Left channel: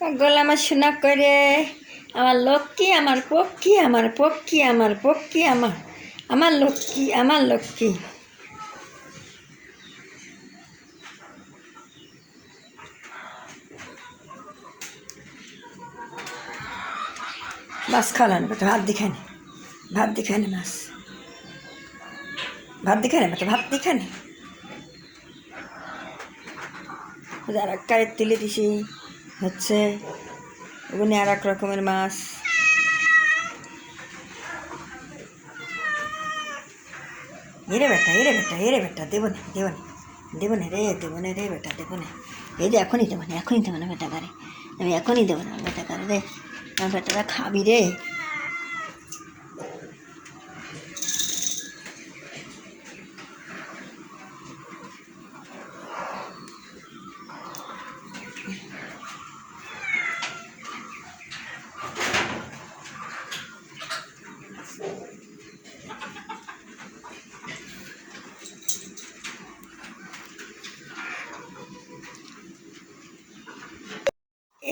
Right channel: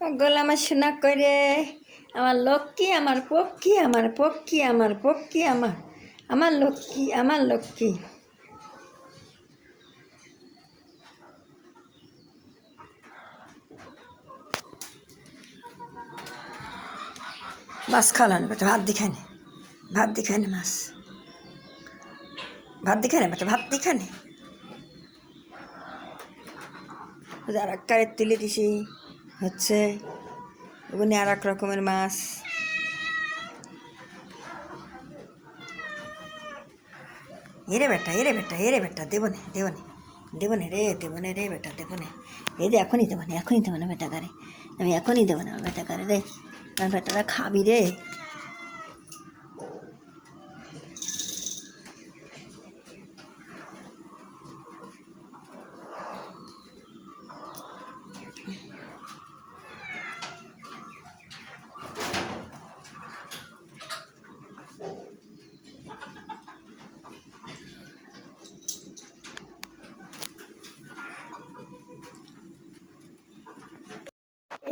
গলা আমার শোনা করে আমার লক্ষ্মী আমার পক্ষী আমার পক্ষী আমার পক্ষী আমার লক্ষ্মী আমার লক্ষ্মী। মাছ খাওয়ানো বেটা, ভাত দিখানে ভাত দিখানে মাছ ভাত দিখানে বেটা, ভাত দিখানে আর এক কারের তুলে দিছি হচ্ছে ওখানে আর এক রকমের মাছ। এরে বেটা এরে বেটা এরে বেটা দেবো না দেবো না দেবো না রে দেবো না রে বেটা দেবো না। এই যে এখনই দেবো না এখনই দেবো না বেটা কারে, আমি এখনই দেবো না বেটা কারে রে, আমার বেটারা খাবি রে।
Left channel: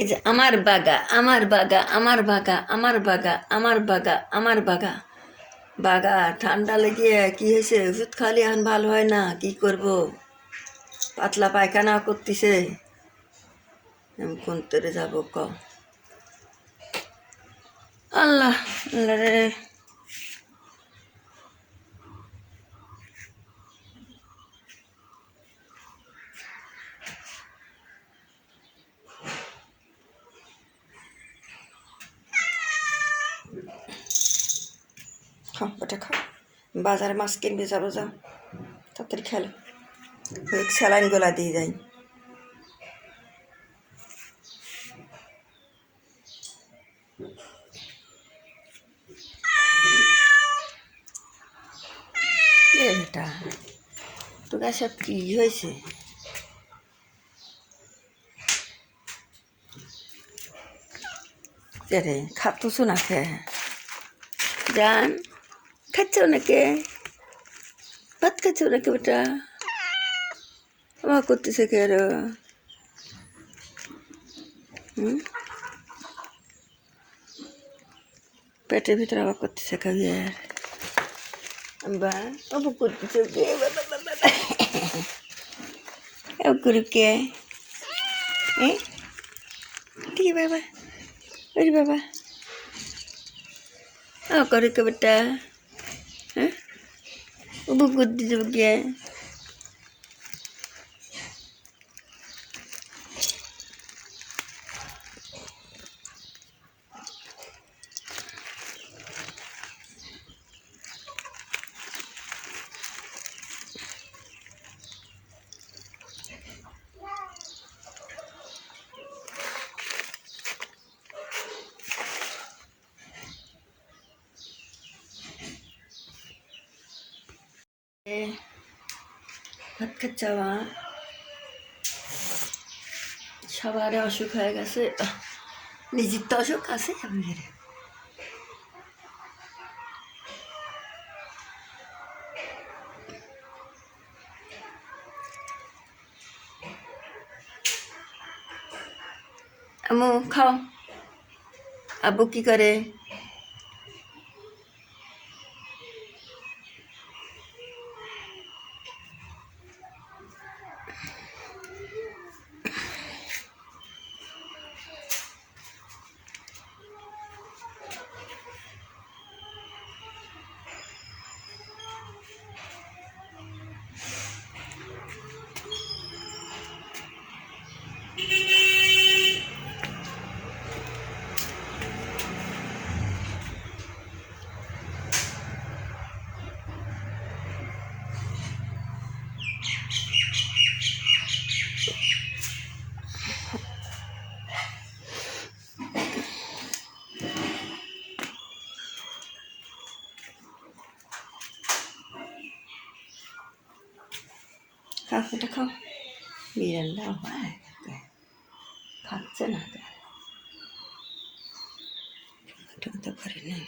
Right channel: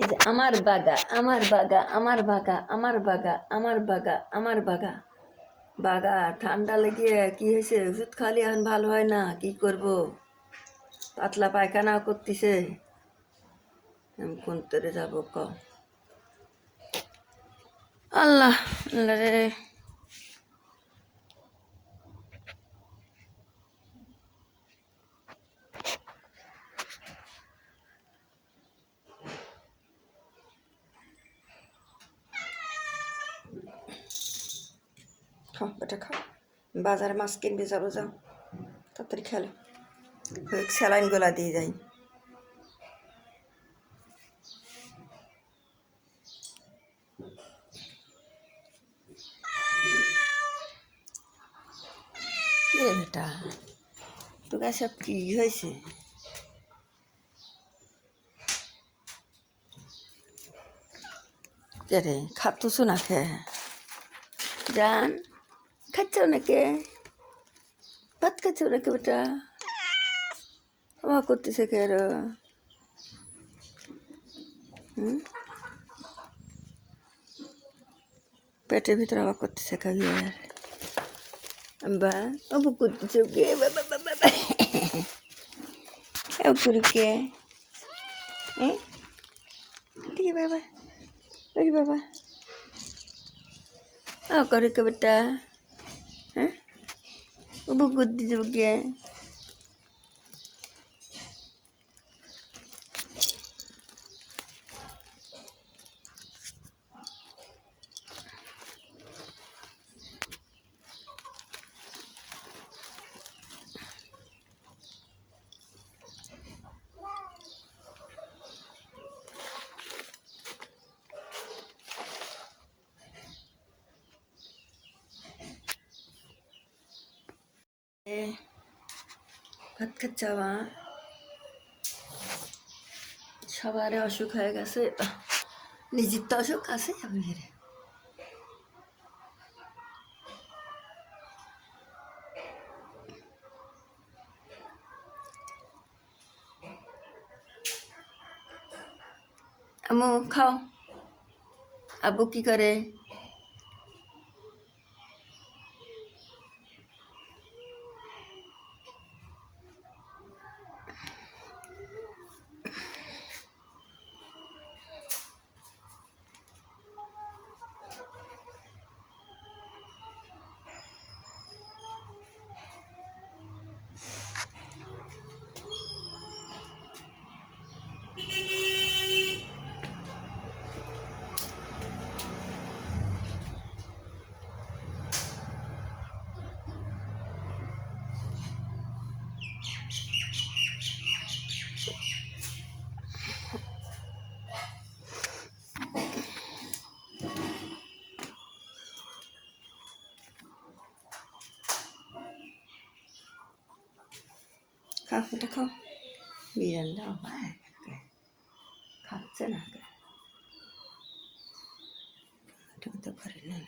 এই যে আমার বাগা আমার বাগা আমার বাগা আমার বাগা আমার বাগা আমার বাগা বাগা ঠান্ডা লেগে কি হয়েছে, ওষুধ খালি এখন ভালো হয় না, কি করব, পাতলা পায়খানা করতেছে, কোন তরে যাবো ক আল্লাহ আল্লাহ রে। খাও ওটা খাও, বাজারে মাছ কিনবে যাবো, যাও তাড়াতাড়ি খেলো, ওই স্যালাইন গোলা দিয়ে যাই। এটা তোরা সব কি হয়েছে, রে খাচ্ছ না খে জান, খাচ্ছ নাকি ভাত খাচ্ছ নাকি বেটা, আমার করতেছে কে আর পেটের ভিতরে আবার করতেছে খাবি আর বা অবু করতেছে কে অপুরি কে ঠিক বাবা ওরে বাবা করে কে বেটা, হ্যাঁ অবু করতেছে কে ভাত খাচ্ছা, সবার অসুখ হয়ে গেছে, নিজের তো অসুখ আছে আমাদের। আম্মু খাও, আব্বু কি করে, খাও এটা খাও, বিড়াল খাচ্ছে না তো করে নেই।